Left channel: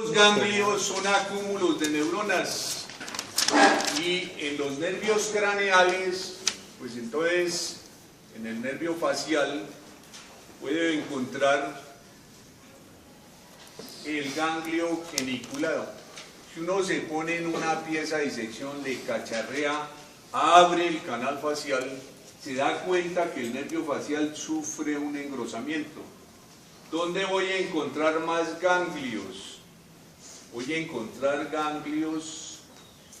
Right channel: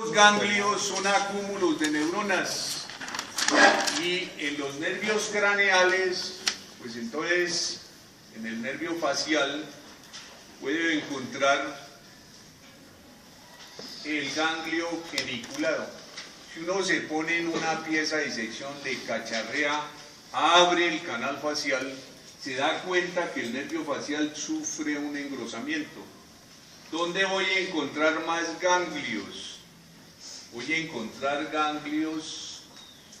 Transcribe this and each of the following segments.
Los ganglios son acúmulos de neuronas y en los nervios craneales, pues entonces en el nervio facial puede encontrar el ganglio geniculado. Si uno se pone en una pieza de disección, le cacharrea, abre el canal facial, se da cuenta que el nervio facial sufre un engrosamiento. ¿Dónde voy a encontrar más ganglios? Voy a encontrar ganglios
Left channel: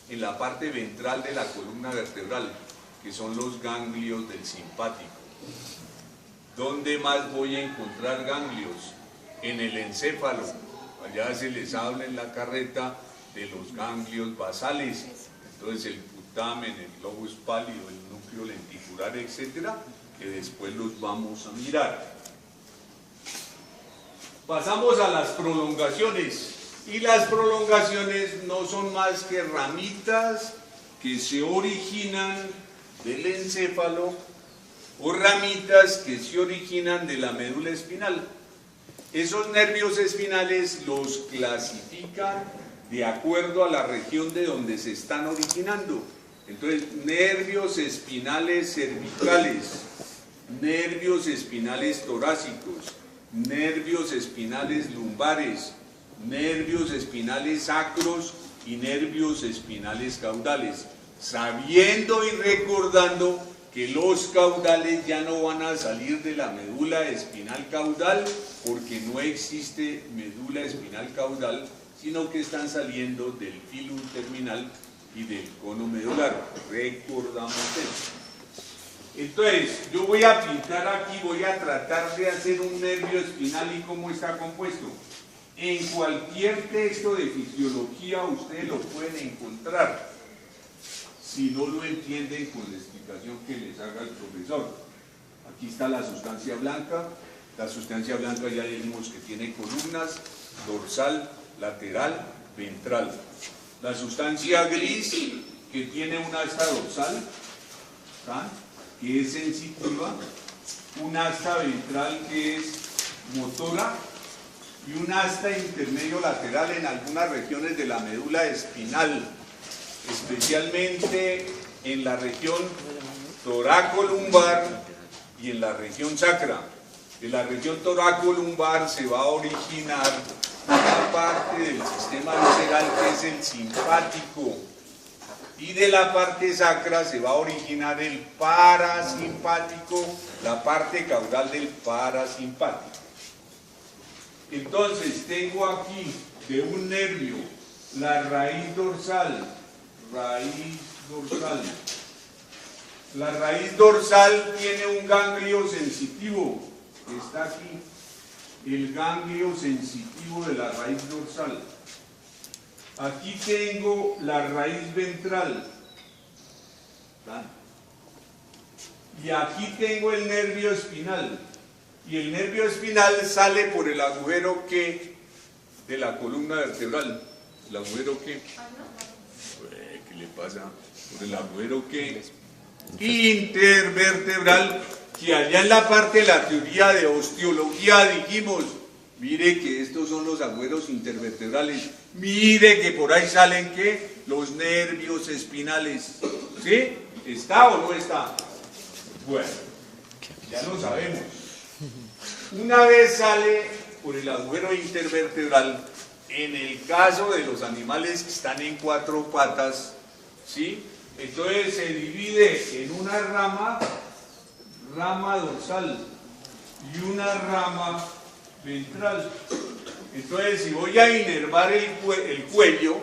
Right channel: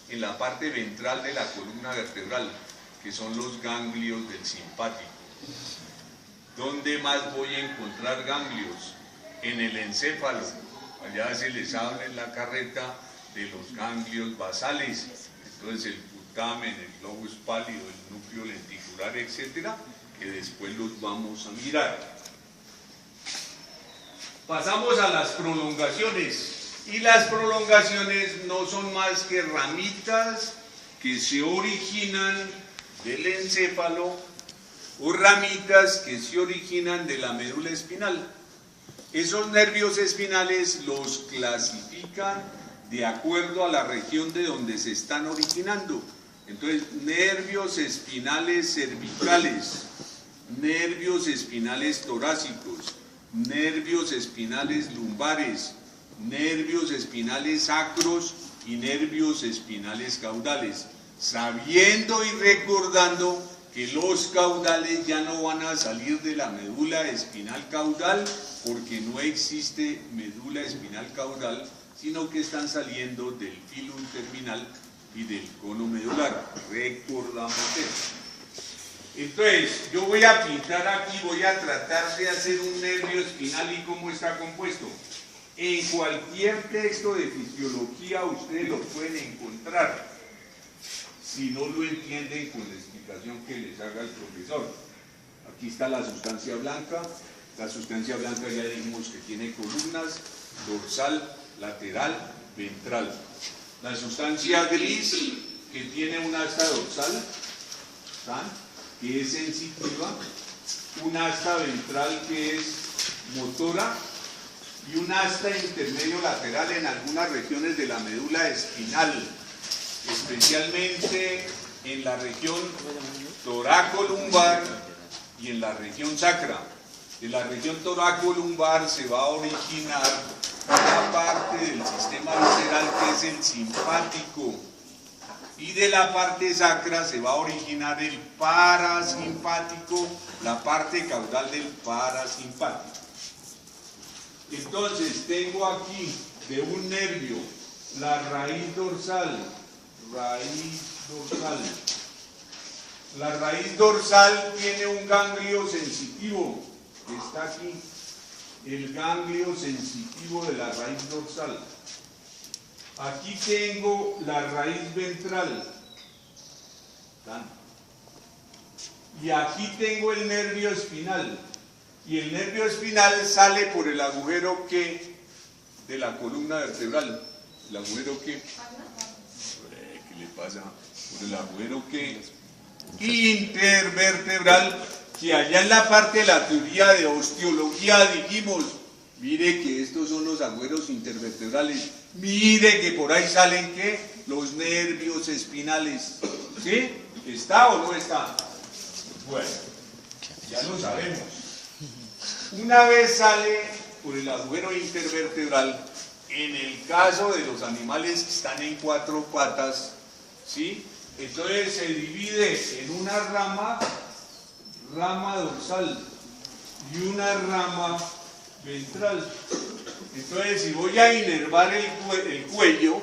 en la parte ventral de la columna vertebral, que son los ganglios del simpático. ¿Dónde más voy a encontrar ganglios? En el encéfalo. Allá se les habla en la carreta de los ganglios basales. Entonces el putamen, el lobus pálido, el núcleo lenticular, etcétera, que después los vamos a mirar. Pasamos a las prolongaciones. Y las prolongaciones no son más que ramitas que se originan del encéfalo o ramitas que se originan de la médula espinal. Esos nervios espinales los clasifican de acuerdo a la región de donde se están originando. Entonces, nervios espinales cervicales, nervios espinales torácicos, nervios espinales lumbares, nervios espinales sacros y nervios espinales caudales, sabiendo y recordando que los caudales ya no van a salir de la médula espinal caudal, porque no existe médula espinal caudal, sino que están saliendo del filum terminal y del cono medular. Recordamos eso. Entonces, yo voy a pintar aquí, voy a tratar de hacer un nervio espinal y cómo está compuesto. En cualquier texto de fisiología ustedes lo pueden encontrar, si no lo entienden con la explicación que les haga el profesor. Aquí está la sustancia blanca. La sustancia blanca ya dijimos que tiene columnas, dorsal, lateral, ventral. La sustancia gris, que tiene un asta dorsal, ¿tá?, que es sensitiva, un asta ventral que es motora, y un asta intermedio lateral en algunas regiones de la médula espinal, especialmente en la región toracolumbar y en la región sacra. De la región toracolumbar se va a originar una parte del sistema visceral que es el simpático, y de la parte sacra se va a originar el parasimpático, la parte caudal del parasimpático. Entonces, tengo aquí de un nervio la raíz dorsal. La raíz dorsal tiene un ganglio sensitivo, que está aquí, el ganglio sensitivo de la raíz dorsal. Aquí tengo la raíz ventral. ¿tá? Y aquí tengo el nervio espinal. Y el nervio espinal sale por el agujero que de la columna vertebral. ¿El agujero qué? ¿Qué le pasa? Por el agujero que intervertebral, que allá en la parte de la teoría de osteología dijimos, mire que estos son los agüeros intervertebrales, mire que por ahí salen ¿qué? Los nervios espinales. ¿Sí? ¿Está o no está? Bueno, ya lo sabemos. Una vez sale por el agujero intervertebral, en el caso de los animales que están en cuatro patas, ¿sí?, entonces se divide en una rama dorsal y una rama ventral. Entonces, si voy a inervar el cuello,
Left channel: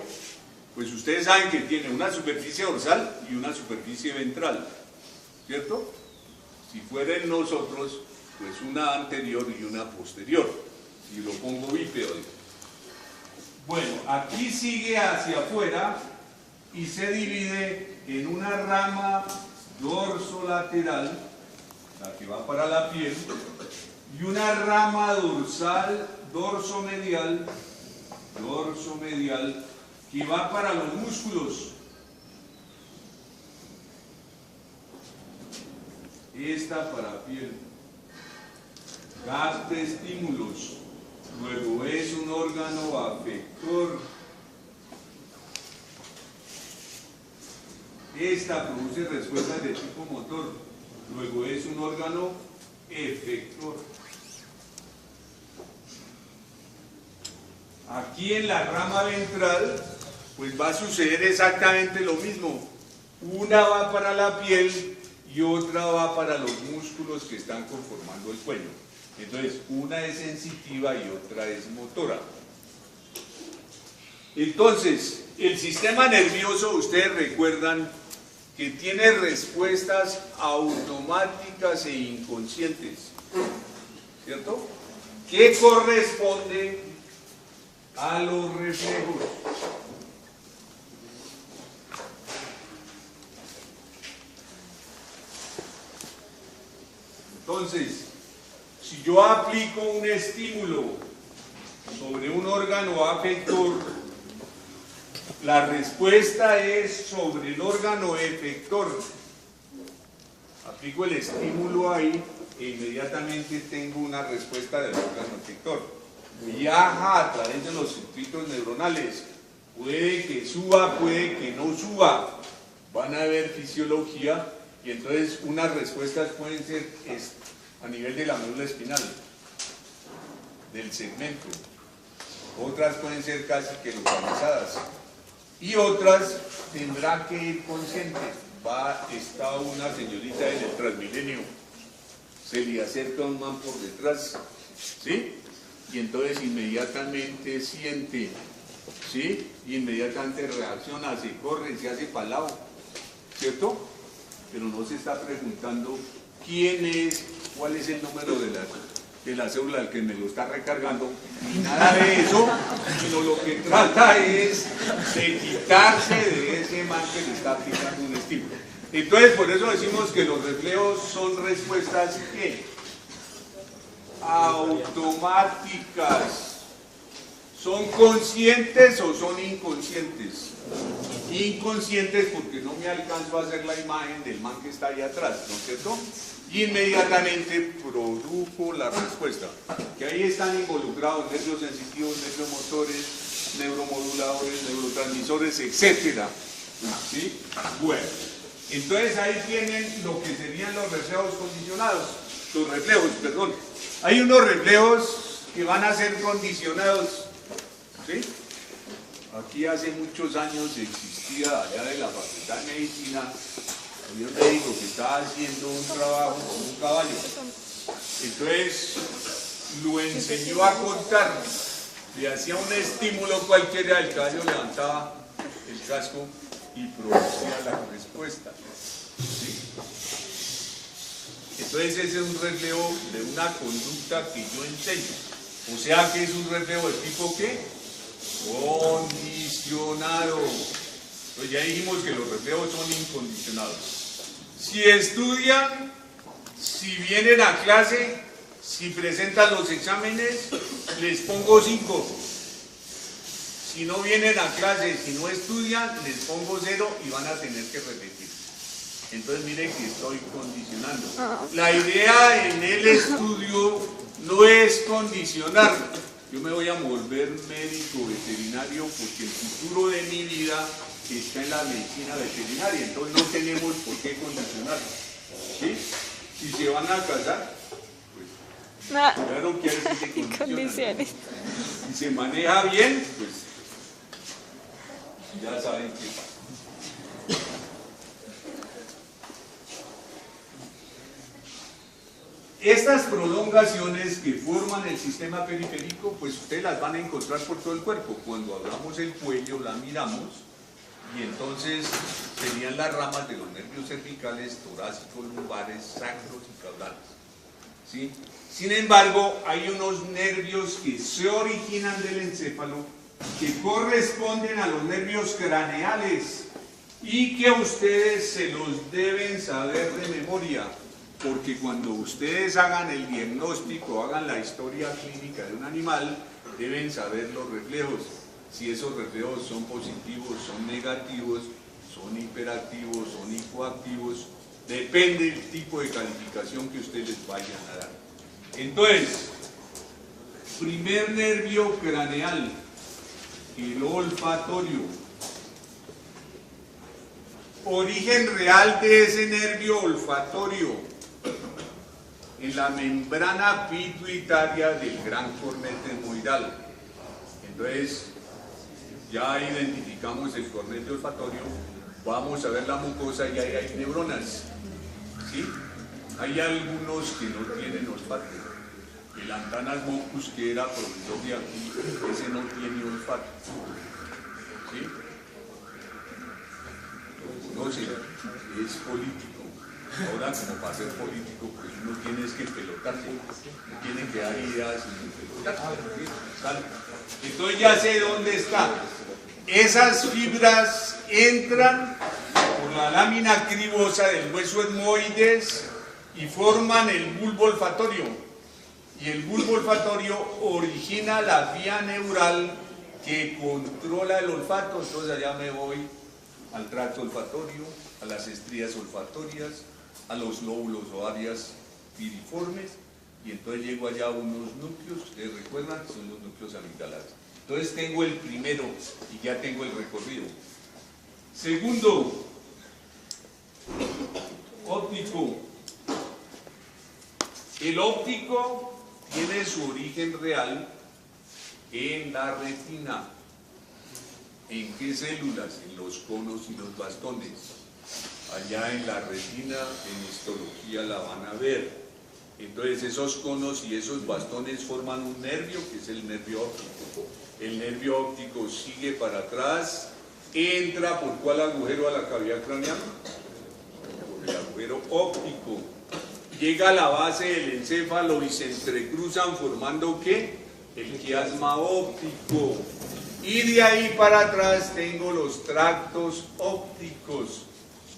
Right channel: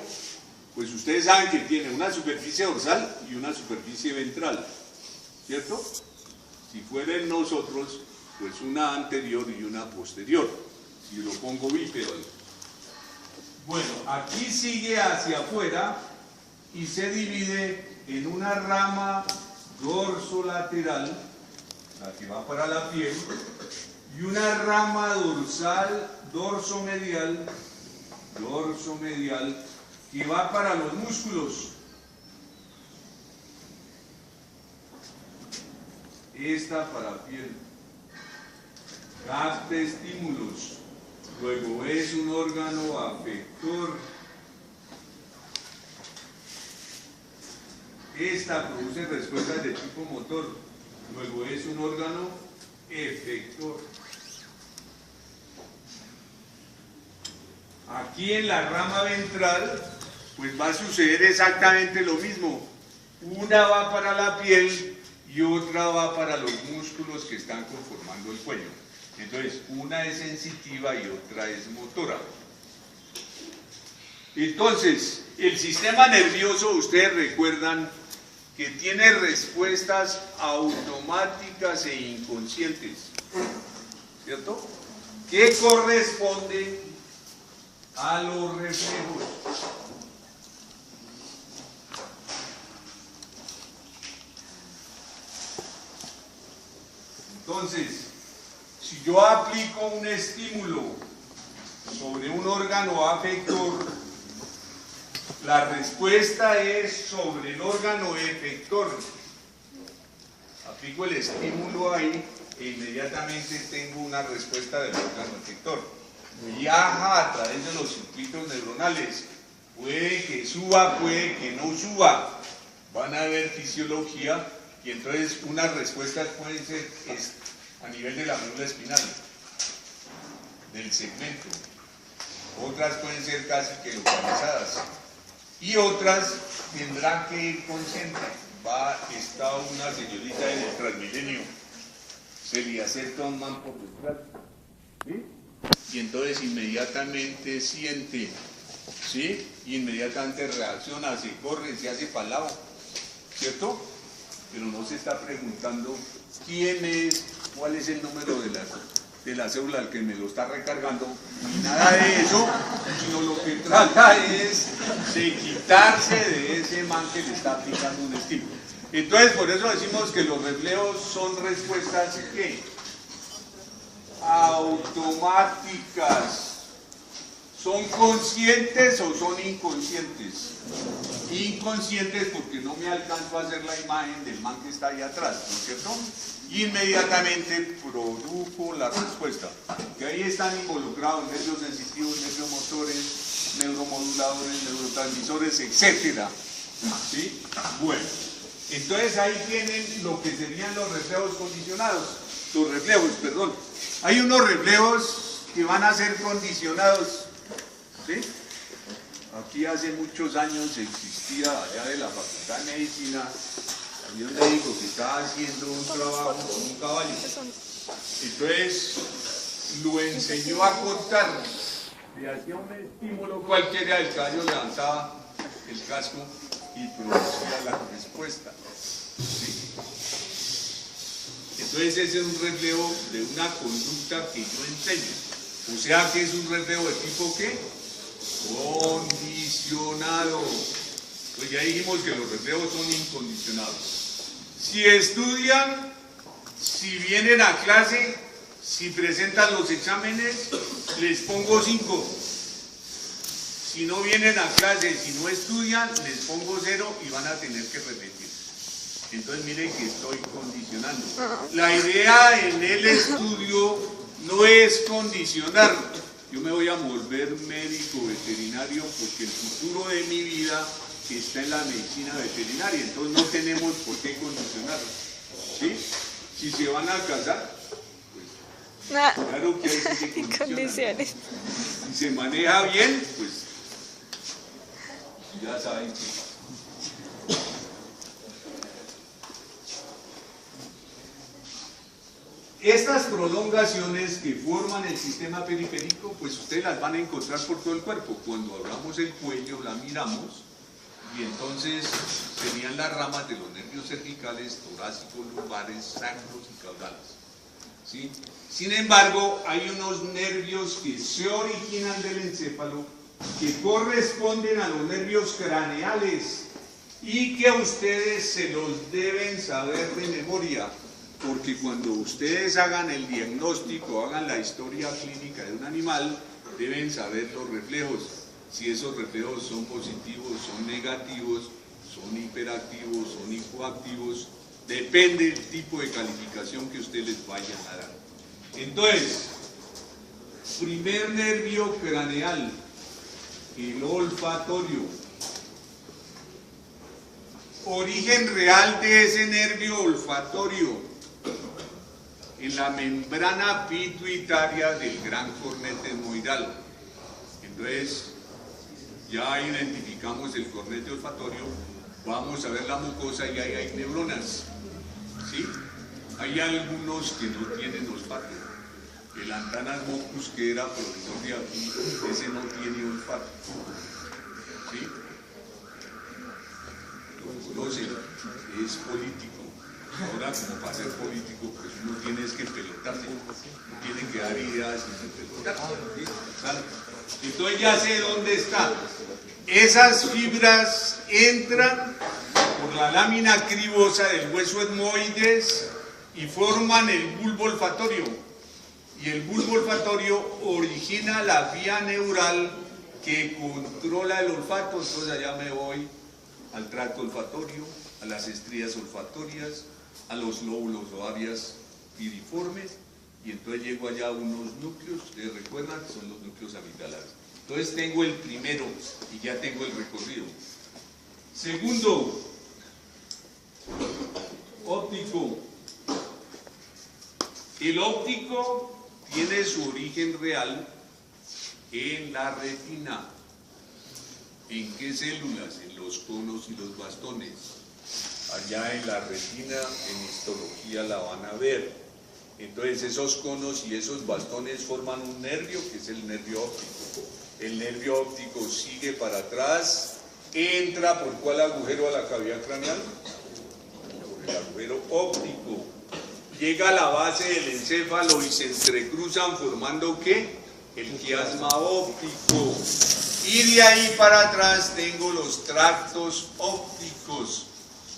pues ustedes saben que tiene una superficie dorsal y una superficie ventral, ¿cierto? Si fuera en nosotros, pues una anterior y una posterior, y lo pongo bípedo. Bueno, aquí sigue hacia afuera y se divide en una rama dorsolateral, la que va para la piel, y una rama dorsal, dorsomedial, que va para los músculos. Esta para piel. Capta estímulos. luego es un órgano afector. Esta produce respuestas de tipo motor, luego es un órgano efector. Aquí en la rama ventral, pues va a suceder exactamente lo mismo. Una va para la piel y otra va para los músculos que están conformando el cuello. Entonces, una es sensitiva y otra es motora. Entonces, el sistema nervioso, ustedes recuerdan que tiene respuestas automáticas e inconscientes, ¿cierto? ¿Qué corresponde a los reflejos? Entonces, si yo aplico un estímulo sobre un órgano afector, la respuesta es sobre el órgano efector. Aplico el estímulo ahí e inmediatamente tengo una respuesta del órgano efector. Viaja a través de los circuitos neuronales. Puede que suba, puede que no suba. Van a haber fisiología y entonces unas respuestas pueden ser a nivel de la médula espinal, del segmento. Otras pueden ser casi que localizadas. Y otras tendrán que ir conscientes. Está una señorita en el Transmilenio, se le acerca un man por detrás, ¿sí? Y entonces inmediatamente siente, ¿sí? Inmediatamente reacciona, se corre, se hace para el lado, ¿cierto? Pero no se está preguntando quién es, cuál es el número de la célula al que me lo está recargando, y nada de eso, sino lo que trata es de quitarse de ese man que le está aplicando un estímulo. Entonces, por eso decimos que los reflejos son respuestas ¿qué? Automáticas. ¿Son conscientes o son inconscientes? Inconscientes porque no me alcanzo a hacer la imagen del man que está ahí atrás, ¿no es cierto? Inmediatamente produjo la respuesta, que ahí están involucrados nervios sensitivos, neuromotores, neuromoduladores, neurotransmisores, etc. ¿Sí? Bueno, entonces ahí tienen lo que serían los reflejos condicionados, los reflejos, perdón. Hay unos reflejos que van a ser condicionados, ¿sí? Aquí hace muchos años existía allá de la Facultad de Medicina un médico que estaba haciendo un trabajo con un caballo. Entonces lo enseñó a contar, le hacía un estímulo cualquiera, el caballo lanzaba el casco y producía la respuesta, ¿sí? Entonces ese es un reflejo de una conducta que yo enseño, o sea que es un reflejo de tipo ¿qué? Condicionado. Entonces ya dijimos que los reflejos son incondicionados. Si estudian, si vienen a clase, si presentan los exámenes, les pongo 5. Si no vienen a clase, si no estudian, les pongo 0 y van a tener que repetir. Entonces miren que estoy condicionando. La idea en el estudio no es condicionar. Yo me voy a volver médico veterinario porque el futuro de mi vida está en la medicina veterinaria, entonces no tenemos por qué condicionar, ¿sí? Si se van a casar, pues claro que hay que condicionar. Si se maneja bien, pues ya saben qué pasa. Estas prolongaciones que forman el sistema periférico, pues ustedes las van a encontrar por todo el cuerpo. Cuando hablamos del cuello, la miramos, y entonces serían las ramas de los nervios cervicales, torácicos, lumbares, sacros y caudales, ¿sí? Sin embargo, hay unos nervios que se originan del encéfalo, que corresponden a los nervios craneales y que ustedes se los deben saber de memoria, porque cuando ustedes hagan el diagnóstico, hagan la historia clínica de un animal, deben saber los reflejos. Si esos reflejos son positivos, son negativos, son hiperactivos, son hipoactivos, depende del tipo de calificación que ustedes les vayan a dar. Entonces, Primer nervio craneal, el olfatorio. Origen real de ese nervio olfatorio en la membrana pituitaria del gran cornete etmoidal. Entonces, ya identificamos el cornete olfatorio, vamos a ver la mucosa y ahí hay neuronas, ¿sí? Hay algunos que no tienen olfato. El Antanas mocus, que era profesor de aquí, ese no tiene olfato, ¿sí? Lo conocen, es político. Ahora, como para ser político, pues uno tiene que pelotarse, tiene que dar ideas y pelotarse, ¿sí? Entonces ya sé dónde está. Esas fibras entran por la lámina cribosa del hueso etmoides y forman el bulbo olfatorio. Y el bulbo olfatorio origina la vía neural que controla el olfato. Entonces allá me voy al tracto olfatorio, a las estrías olfatorias, a los lóbulos o áreas piriformes, y entonces llego allá a unos núcleos, ustedes recuerdan, son los núcleos amigdalares. Entonces tengo el primero y ya tengo el recorrido. Segundo, óptico. El óptico tiene su origen real en la retina. ¿En qué células? En los conos y los bastones. Allá en la retina, en histología la van a ver. Entonces esos conos y esos bastones forman un nervio, que es el nervio óptico. El nervio óptico sigue para atrás, entra por ¿cuál agujero a la cavidad craneal? El agujero óptico. Llega a la base del encéfalo y se entrecruzan formando ¿qué? El quiasma óptico. Y de ahí para atrás tengo los tractos ópticos.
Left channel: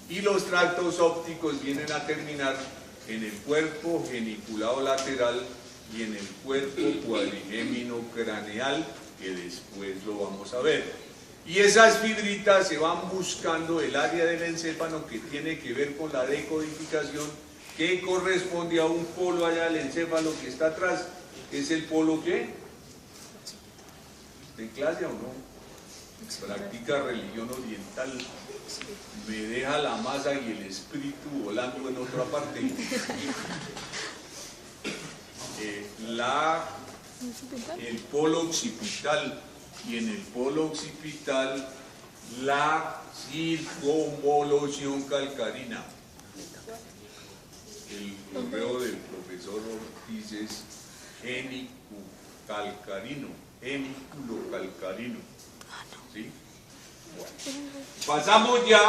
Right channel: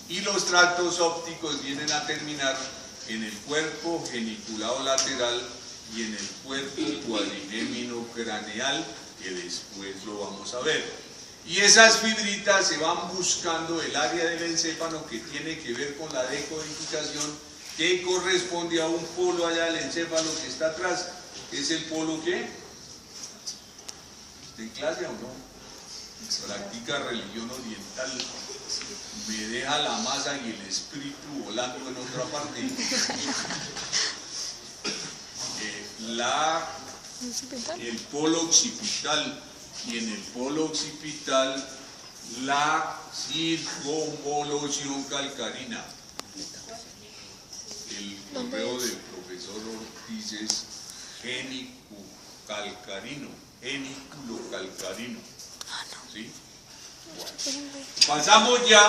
Y los tractos ópticos vienen a terminar en el cuerpo geniculado lateral y en el cuerpo cuadrigémino craneal, que después lo vamos a ver. Y esas fibritas se van buscando el área del encéfalo que tiene que ver con la decodificación, que corresponde a un polo allá del encéfalo que está atrás. ¿Es el polo qué? ¿Está en clase o no? Practica religión oriental. Me deja la masa y el espíritu volando en otra parte. El polo occipital, y en el polo occipital la circunvolución calcarina. El correo del profesor Ortiz es geniculocalcarino, geniculocalcarino. ¿Sí? Bueno. Pasamos ya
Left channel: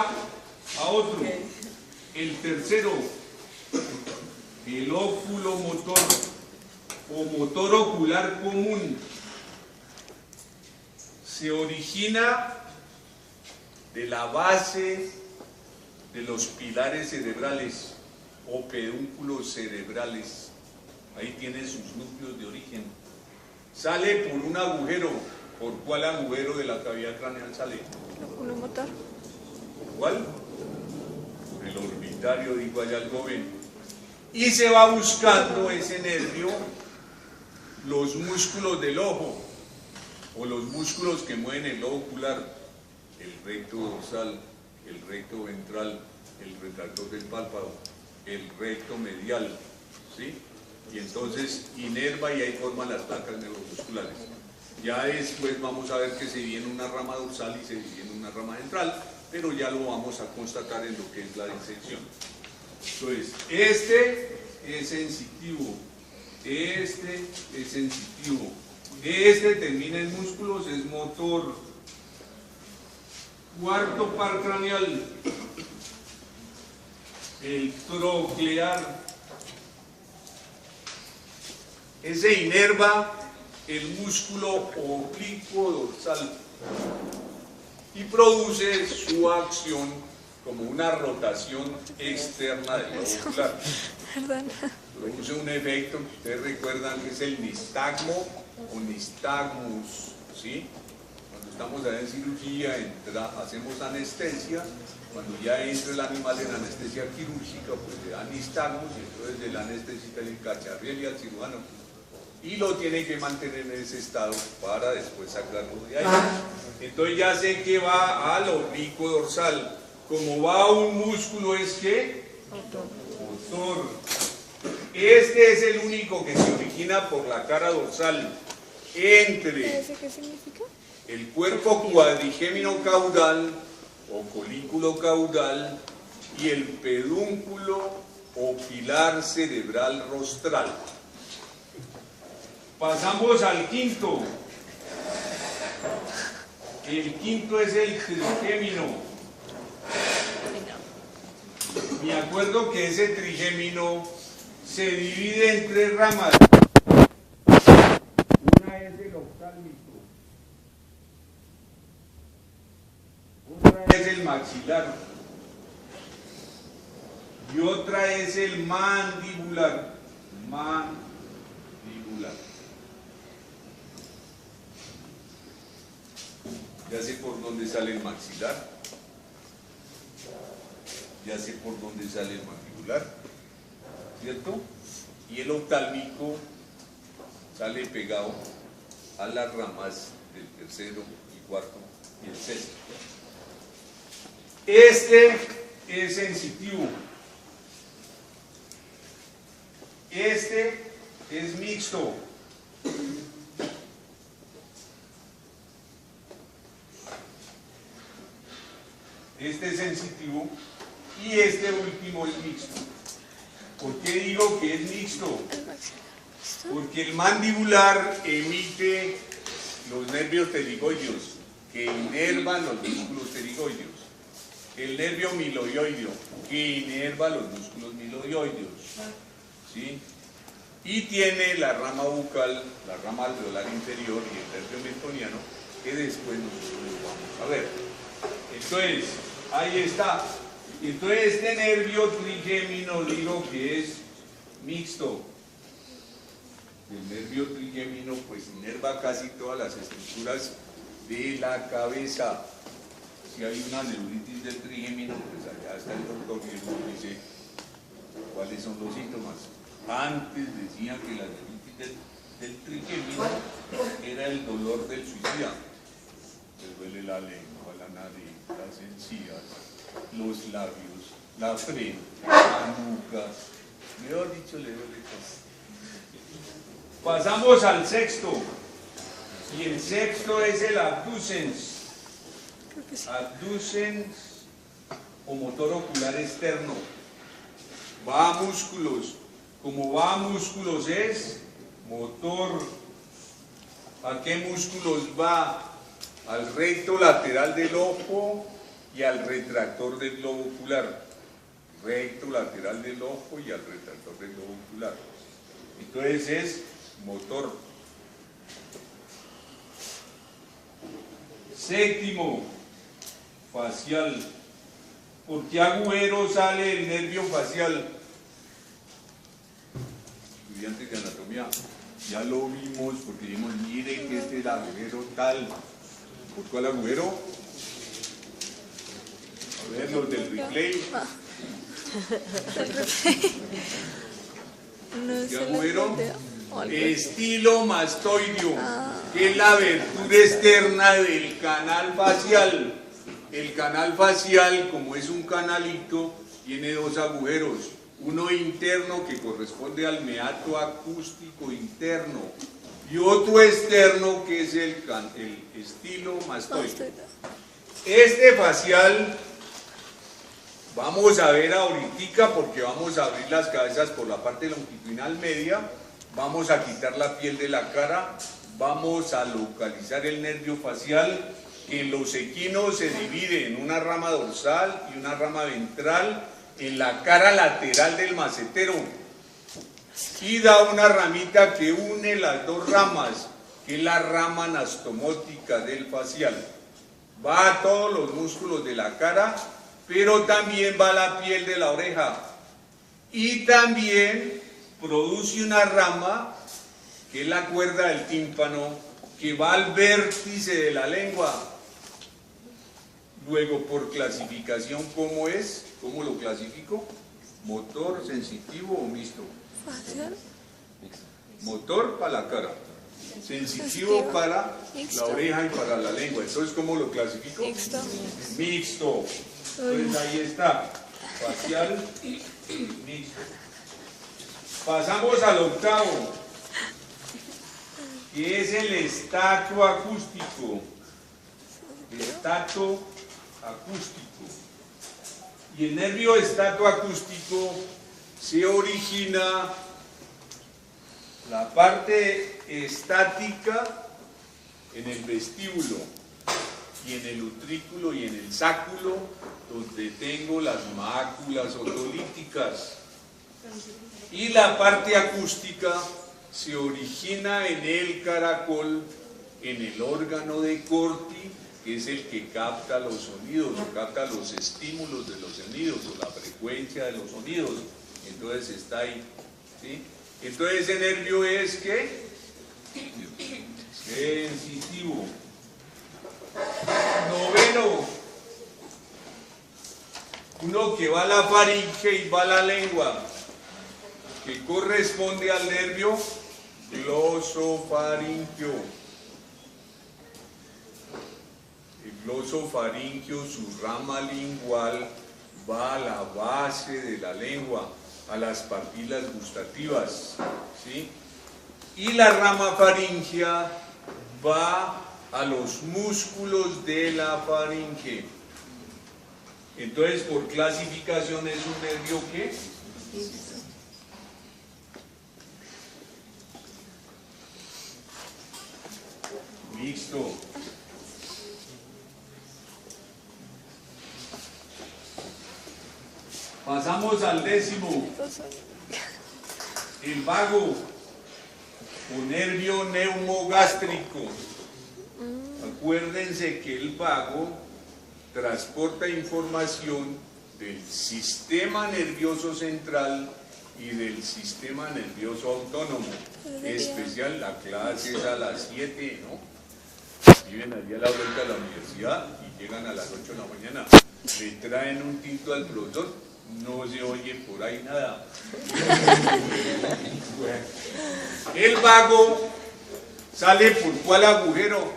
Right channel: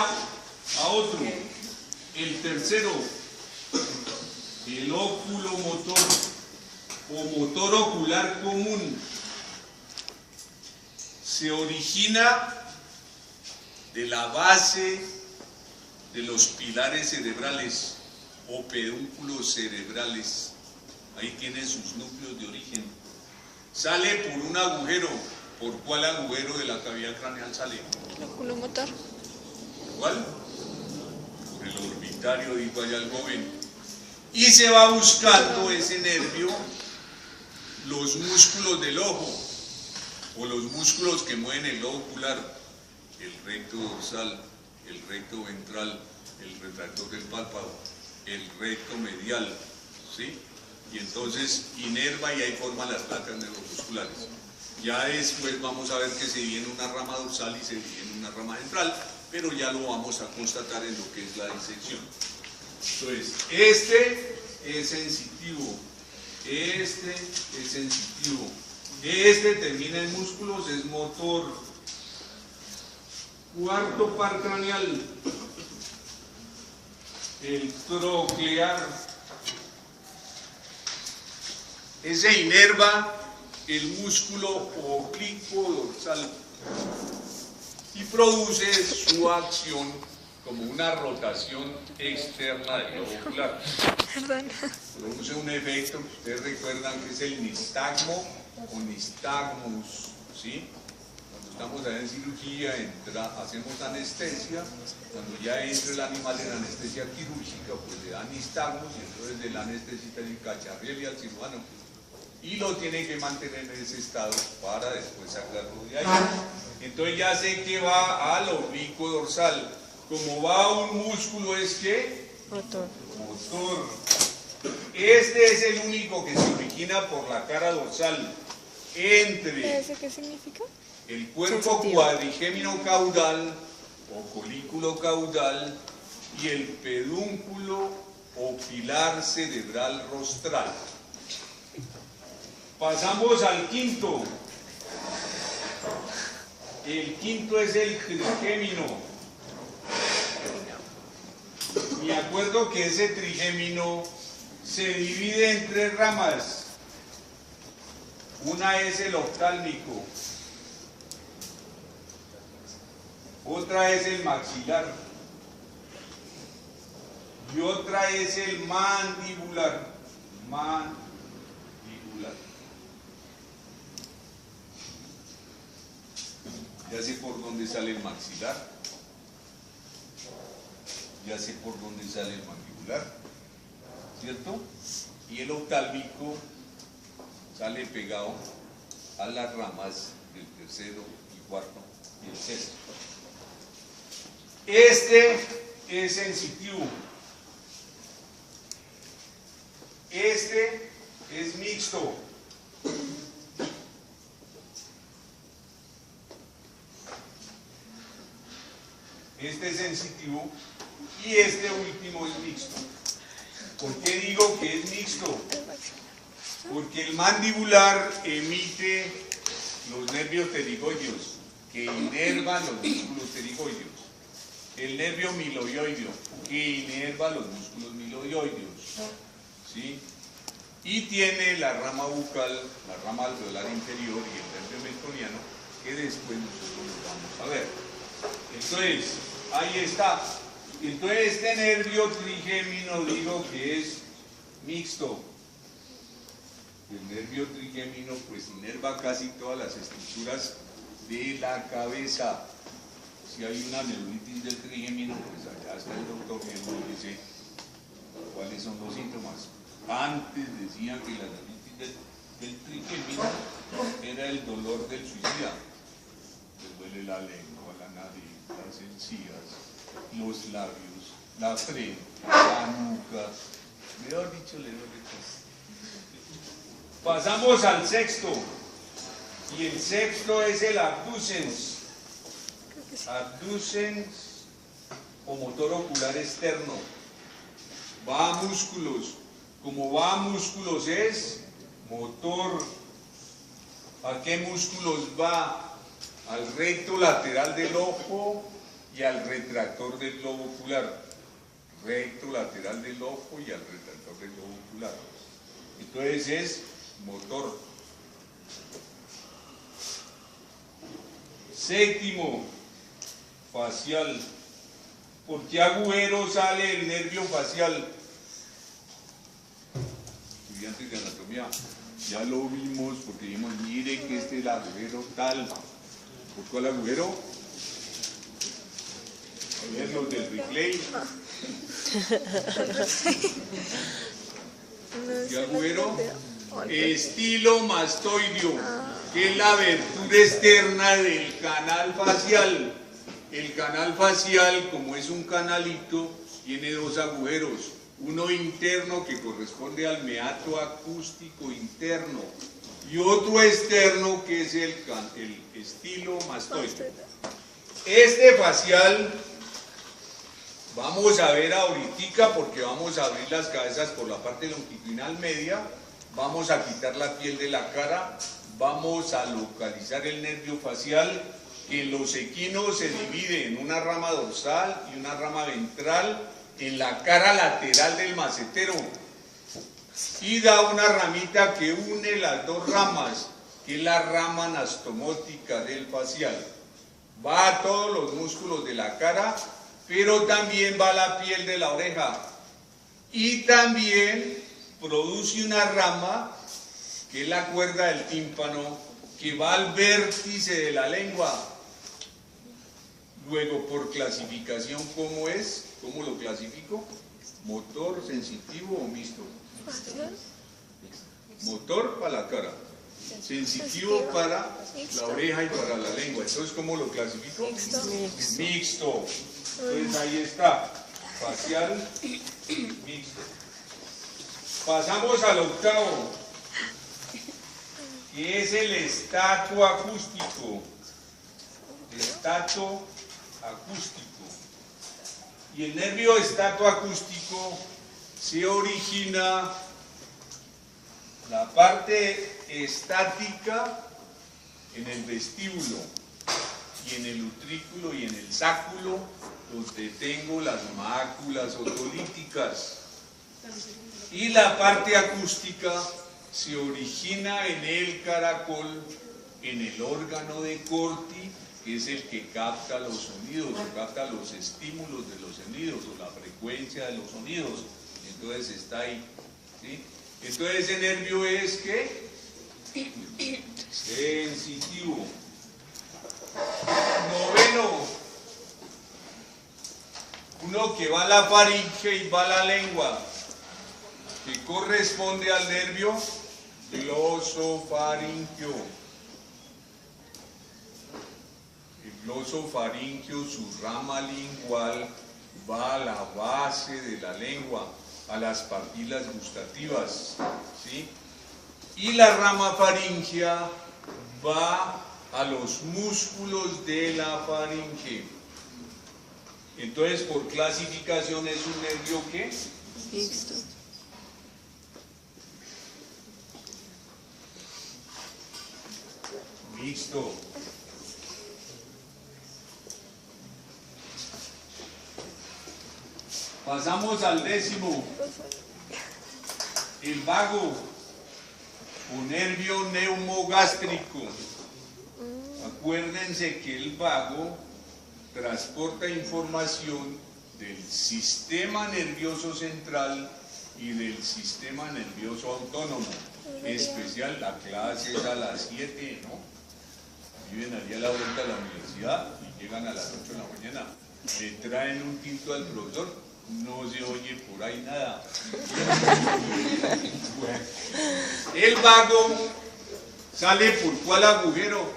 a otro, el tercero, el oculomotor o motor ocular común. Se origina de la base de los pilares cerebrales o pedúnculos cerebrales. Ahí tiene sus núcleos de origen. Sale por un agujero. ¿Por cuál agujero de la cavidad craneal sale? ¿Por cuál? Por el orbitario, dijo allá el joven. Y se va buscando ese nervio, los músculos del ojo, o los músculos que mueven el ojo ocular, el recto dorsal, el recto ventral, el retractor del párpado, el recto medial, ¿sí? Y entonces inerva y ahí forma las placas neuromusculares. Ya después vamos a ver que se viene una rama dorsal y se viene una rama ventral, pero ya lo vamos a constatar en lo que es la disección. Entonces, este es sensitivo, este es sensitivo, este termina en músculos, es motor. Cuarto par craneal, el troclear. Ese inerva el músculo oblicuo dorsal y produce su acción como una rotación externa del globo ocular. Produce un efecto que ustedes recuerdan que es el nistagmo o nistagmus, ¿sí? Cuando estamos allá en cirugía, hacemos anestesia, cuando ya entra el animal en anestesia quirúrgica, pues le da nistagmus, y entonces del anestesista le cacharriel y al cirujano. y lo tiene que mantener en ese estado para después sacarlo de ahí. Entonces ya sé que va al oblicuo dorsal. Como va a un músculo, ¿es qué? Motor. Este es el único que se origina por la cara dorsal entre el cuerpo cuadrigémino caudal o folículo caudal y el pedúnculo o pilar cerebral rostral. Pasamos al quinto. El quinto es el trigémino. Me acuerdo que ese trigémino se divide en 3 ramas. Una es el oftálmico, otra es el maxilar y otra es el mandibular. Ya sé por dónde sale el maxilar, ya sé por dónde sale el mandibular, ¿cierto? Y el oftálmico sale pegado a las ramas del tercero, el cuarto y el sexto. Este es sensitivo. Este es mixto. Este es sensitivo y este último es mixto. ¿Por qué digo que es mixto? Porque el mandibular emite los nervios pterigoideos que inervan los músculos pterigoideos. El nervio miloioideo que inerva los músculos miloioideos. ¿Sí? Y tiene la rama bucal, la rama alveolar inferior y el nervio mentoniano que después nosotros vamos a ver. Entonces, ahí está. Entonces este nervio trigémino digo que es mixto. El nervio trigémino pues inerva casi todas las estructuras de la cabeza. Si hay una neuritis del trigémino, pues allá está el doctor que nos dice cuáles son los síntomas. Antes decía que la neuritis del trigémino era el dolor del suicida. Le duele la lengua, la nariz, las encías, los labios, la frente, la nuca. Mejor dicho, le duele casi. Pasamos al sexto. Y el sexto es el abducens. Abducens o motor ocular externo. Va a músculos. Como va a músculos es motor. ¿A qué músculos va? Al recto lateral del ojo y al retractor del globo ocular. Recto lateral del ojo y al retractor del globo ocular. Entonces es motor. Séptimo, facial. ¿Por qué agujero sale el nervio facial? Estudiantes de anatomía, ya lo vimos porque dijimos, miren que este es el agujero tal. ¿Por cuál agujero? A ver, los del replay. ¿Qué agujero? Estilomastoideo, que es la abertura externa del canal facial. El canal facial, como es un canalito, tiene 2 agujeros. Uno interno que corresponde al meato acústico interno y otro externo que es el estilomastoideo. Este facial vamos a ver ahorita porque vamos a abrir las cabezas por la parte longitudinal media. Vamos a quitar la piel de la cara, vamos a localizar el nervio facial, que en los equinos se divide en una rama dorsal y una rama ventral en la cara lateral del macetero y da una ramita que une las 2 ramas, que es la rama anastomótica del facial. Va a todos los músculos de la cara, pero también va a la piel de la oreja y también produce una rama que es la cuerda del tímpano que va al vértice de la lengua. Luego, por clasificación, ¿cómo es? ¿Cómo lo clasifico? ¿Motor, sensitivo o mixto? motor para la cara, sensitivo para la oreja y para la lengua. Entonces, ¿cómo lo clasifico? Mixto. Entonces ahí está, facial mixto. Pasamos al octavo, que es el estato acústico. Estato acústico. Y el nervio estato acústico se origina la parte estática en el vestíbulo y en el utrículo y en el sáculo, donde tengo las máculas otolíticas. Y la parte acústica se origina en el caracol, en el órgano de Corti, que es el que capta los sonidos, capta los estímulos de los sonidos, o la frecuencia de los sonidos. Entonces está ahí, ¿sí? Entonces ese nervio es ¿qué? Sensitivo. Noveno, uno que va a la faringe y va a la lengua, que corresponde al nervio glosofaringio. El glosofaringio, su rama lingual, va a la base de la lengua, a las papilas gustativas, ¿sí? Y la rama faringea va a los músculos de la faringe. Entonces, por clasificación, es un nervio ¿qué? Mixto. Mixto. Pasamos al décimo, el vago o nervio neumogástrico. Acuérdense que el vago transporta información del sistema nervioso central y del sistema nervioso autónomo. Especial, la clase es a las 7, ¿no? Viven allí a la vuelta de la universidad y llegan a las 8 de la mañana. Le traen un tinto al profesor. No se oye por ahí nada. El vago sale por ¿cuál agujero?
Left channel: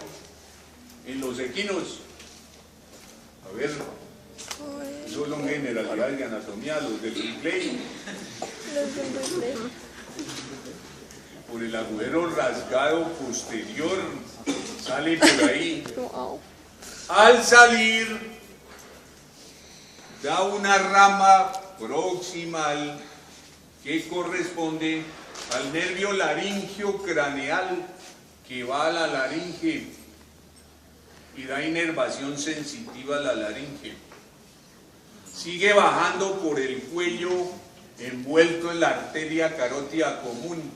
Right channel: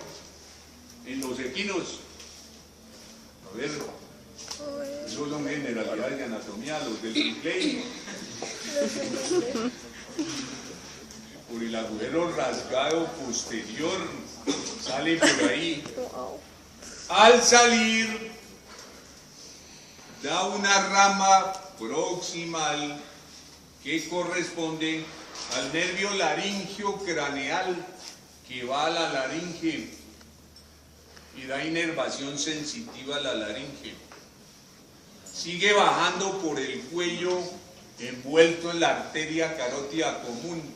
En los equinos. A ver, esos son generalidades de anatomía, los del Clay. Por el agujero rasgado posterior, sale por ahí. Al salir, da una rama proximal que corresponde al nervio laringio craneal que va a la laringe y da inervación sensitiva a la laringe. Sigue bajando por el cuello envuelto en la arteria carótida común.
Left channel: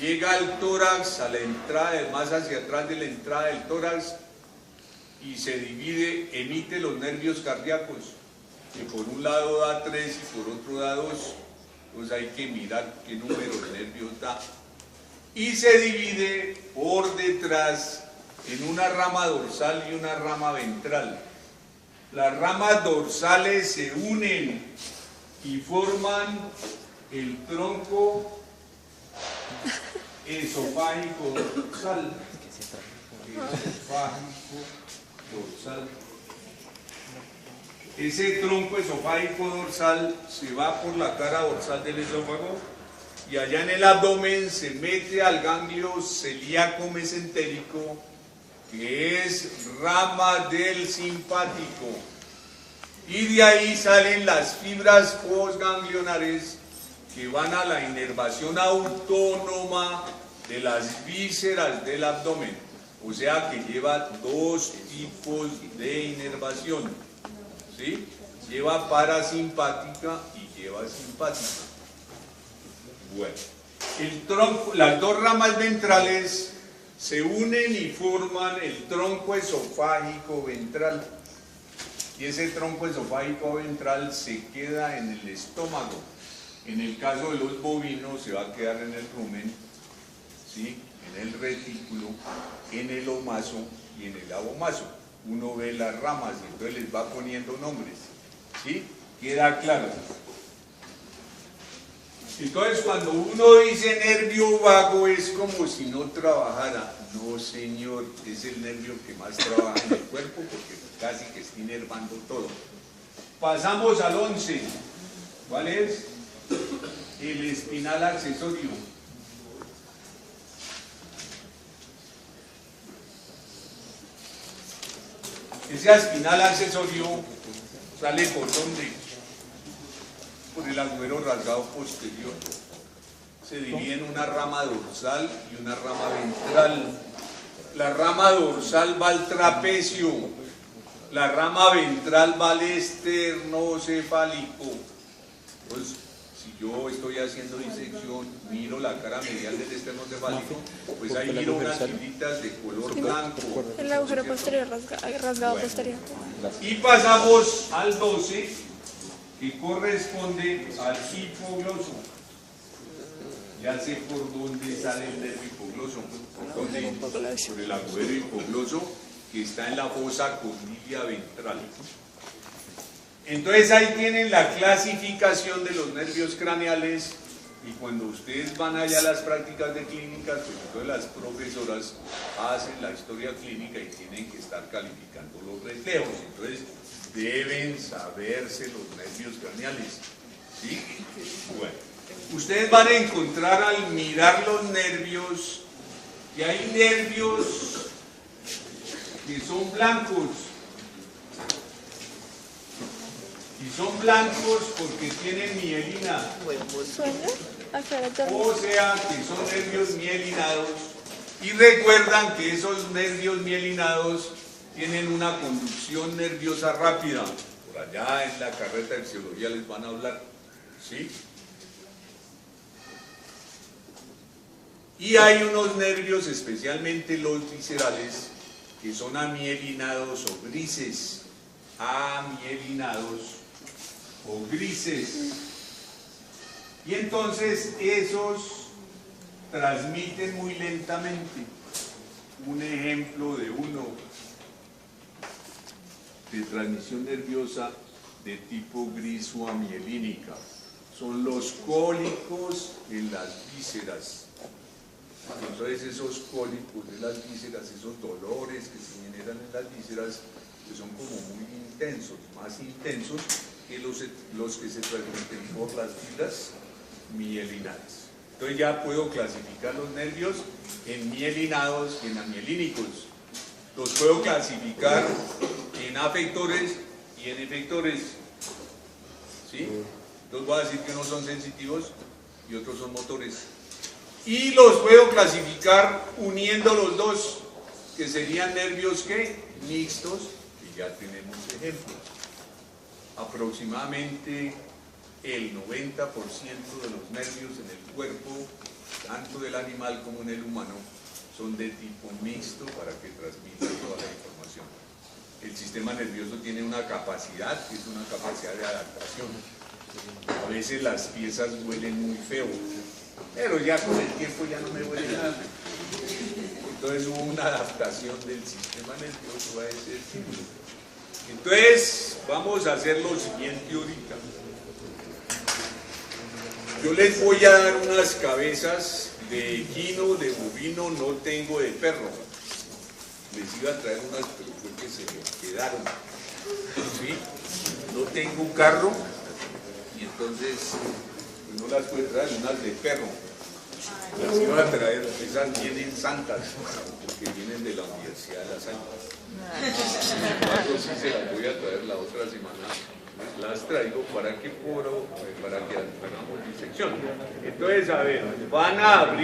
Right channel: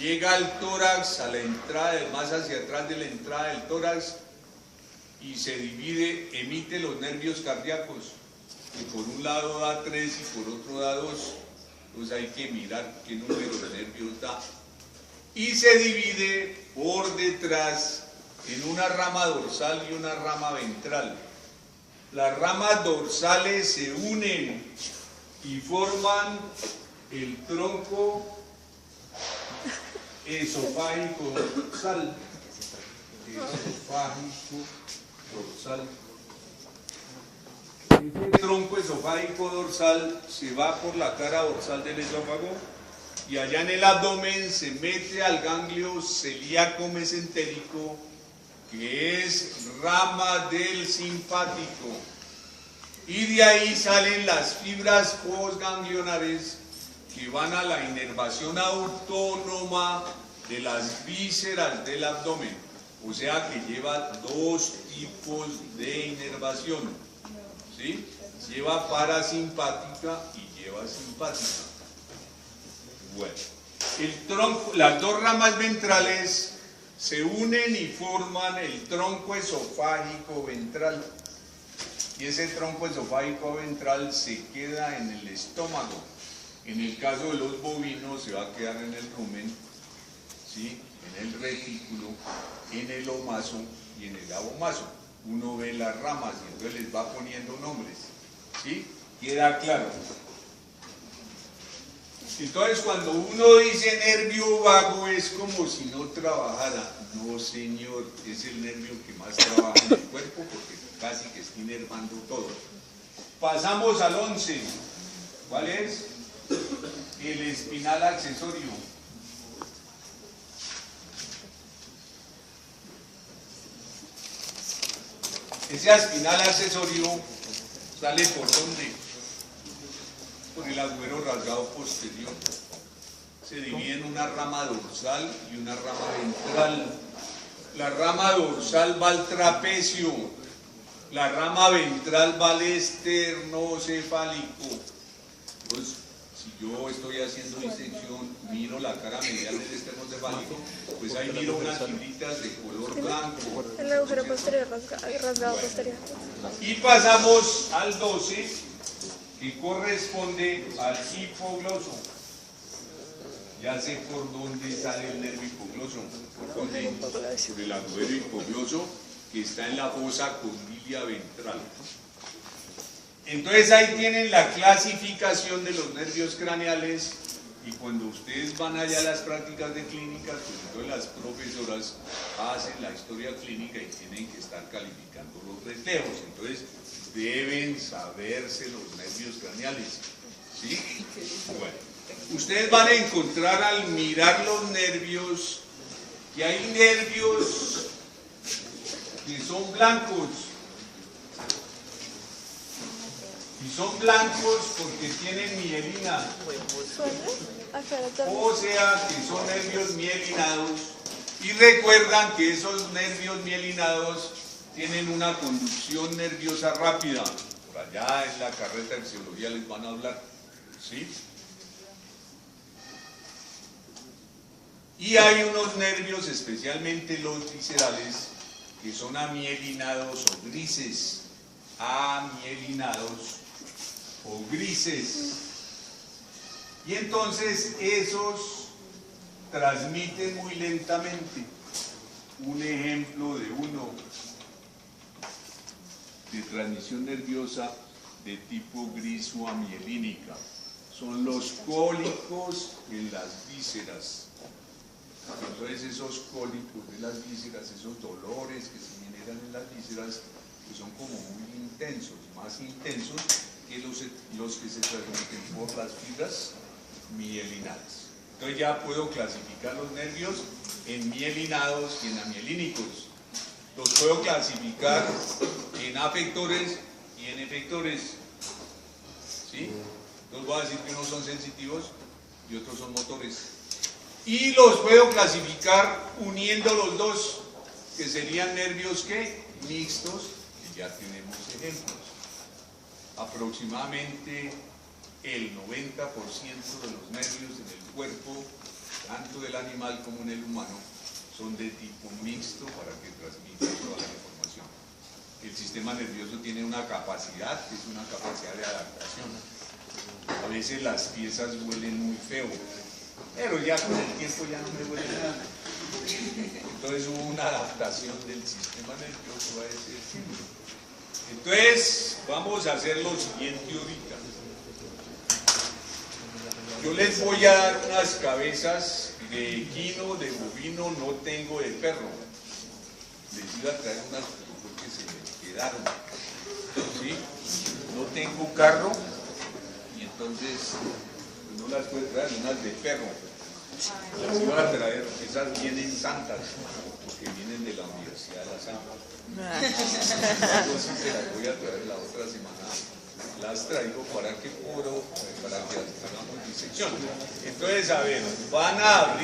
Llega al tórax, a la entrada, más hacia atrás de la entrada del tórax, y se divide, emite los nervios cardíacos, que por un lado da 3 y por otro da 2, pues hay que mirar qué número de nervios da. Y se divide por detrás en una rama dorsal y una rama ventral. Las ramas dorsales se unen y forman el tronco esofágico dorsal. Dorsal. Ese tronco esofágico dorsal se va por la cara dorsal del esófago y allá en el abdomen se mete al ganglio celíaco mesentérico, que es rama del simpático, y de ahí salen las fibras postganglionares que van a la inervación autónoma de las vísceras del abdomen. O sea que lleva 2 tipos de inervación, ¿sí? Lleva parasimpática y lleva simpática. Bueno, el tronco, las dos ramas ventrales se unen y forman el tronco esofágico ventral. Y ese tronco esofágico ventral se queda en el estómago. En el caso de los bovinos se va a quedar en el rumen, ¿sí? En el retículo, en el omaso y en el abomaso. Uno ve las ramas y entonces les va poniendo nombres, ¿sí? ¿Queda claro? Entonces, cuando uno dice nervio vago, es como si no trabajara. No, señor, es el nervio que más trabaja en el cuerpo porque casi que está inervando todo. Pasamos al 11. ¿Cuál es? El espinal accesorio. Ese espinal accesorio sale por donde, por el agujero rasgado posterior. Se divide en una rama dorsal y una rama ventral. La rama dorsal va al trapecio, la rama ventral va al esternocefálico. Entonces, si yo estoy haciendo disección, miro la cara medial del esternocefálico, pues ahí miro unas filitas de color blanco. El agujero posterior rasgado posterior. Y pasamos al 12, que corresponde al hipogloso. Ya sé por dónde sale el nervio hipogloso, por el agujero hipogloso que está en la fosa condilia ventral. Entonces ahí tienen la clasificación de los nervios craneales, y cuando ustedes van allá a las prácticas de clínica, pues entonces las profesoras hacen la historia clínica y tienen que estar calificando los recreos. Entonces deben saberse los nervios craneales. ¿Sí? Bueno, ustedes van a encontrar al mirar los nervios que hay nervios que son blancos. Y son blancos porque tienen mielina. O sea, que son nervios mielinados. Y recuerdan que esos nervios mielinados tienen una conducción nerviosa rápida. Por allá en la carreta de fisiología les van a hablar. ¿Sí? Y hay unos nervios, especialmente los viscerales, que son amielinados o grises. Amielinados o grises. Y entonces esos transmiten muy lentamente. Un ejemplo de uno de transmisión nerviosa de tipo gris o amielínica son los cólicos en las vísceras. Entonces esos cólicos de las vísceras, esos dolores que se generan en las vísceras, que son como muy intensos, más intensos que los que se transmiten por las fibras mielinadas. Entonces ya puedo clasificar los nervios en mielinados y en amielínicos. Los puedo clasificar en afectores y en efectores. ¿Sí? Los voy a decir que unos son sensitivos y otros son motores. Y los puedo clasificar uniendo los dos, que serían nervios ¿qué? Mixtos, que ya tenemos ejemplos. Aproximadamente el 90% de los nervios en el cuerpo, tanto del animal como en el humano, son de tipo mixto para que transmitan toda la información. El sistema nervioso tiene una capacidad, que es una capacidad de adaptación. A veces las piezas huelen muy feo, pero ya con el tiempo ya no me huele nada. Entonces hubo una adaptación del sistema nervioso a ese estímulo. Entonces vamos a hacer lo siguiente ahorita. Yo les voy a dar unas cabezas de equino, de bovino, no tengo de perro. Les iba a traer unas, pero fue que se me quedaron. ¿Sí? No tengo un carro y entonces pues, no las puedo traer, unas de perro. Las iba a traer, esas vienen santas, porque vienen de la Universidad de las Ánimas. Entonces sí se las voy a traer la otra semana. Las traigo para que hagamos disección. Entonces, a ver, van a abrir